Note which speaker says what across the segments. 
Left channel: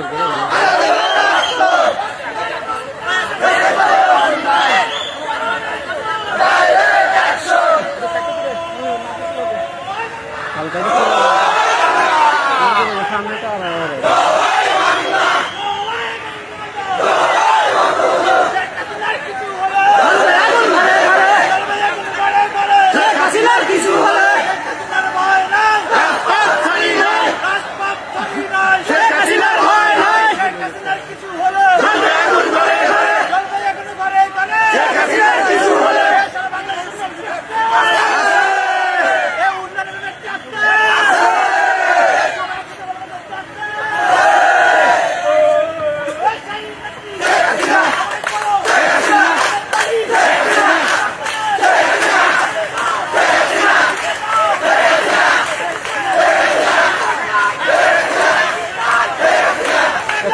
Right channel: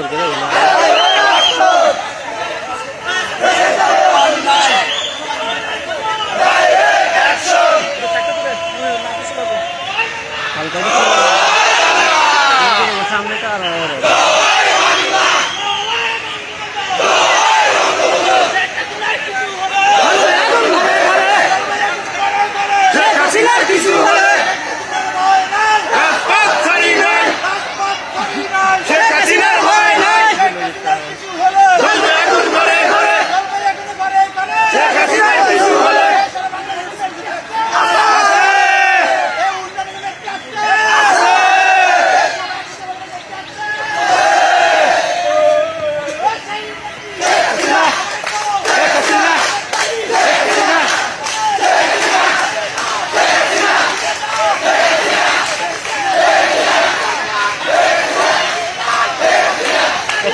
Speaker 1: ধরবে হালকা সামনে তো আর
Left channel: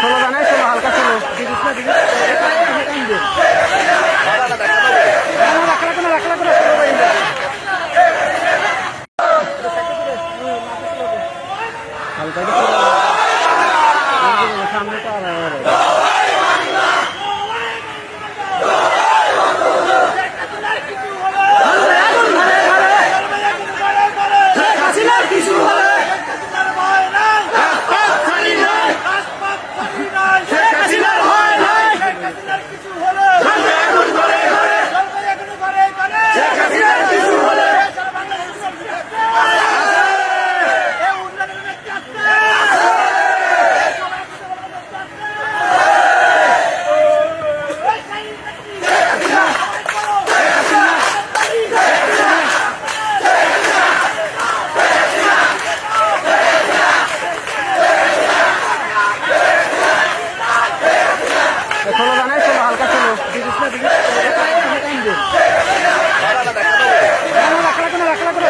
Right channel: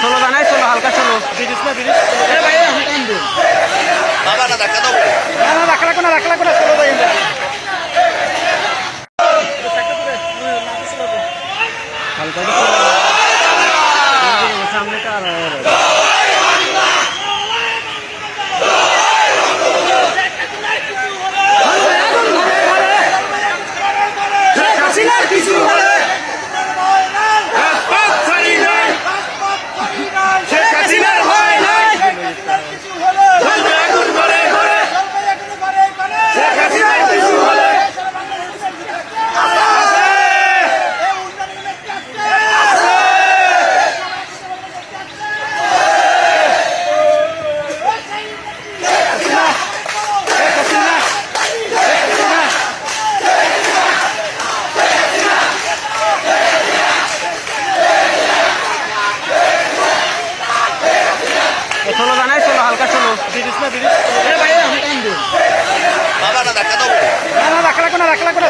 Speaker 1: চলো জানাই চলো হালকা চলো। বিরিশ না বিরিশ না না রাখা রাখো না রাখা রাখো না চলো। যাই হালকা সামনে তো আর। চলো জানাই চলো হালকা চলো বিরিশ না বিরিশ না না রাখা না না।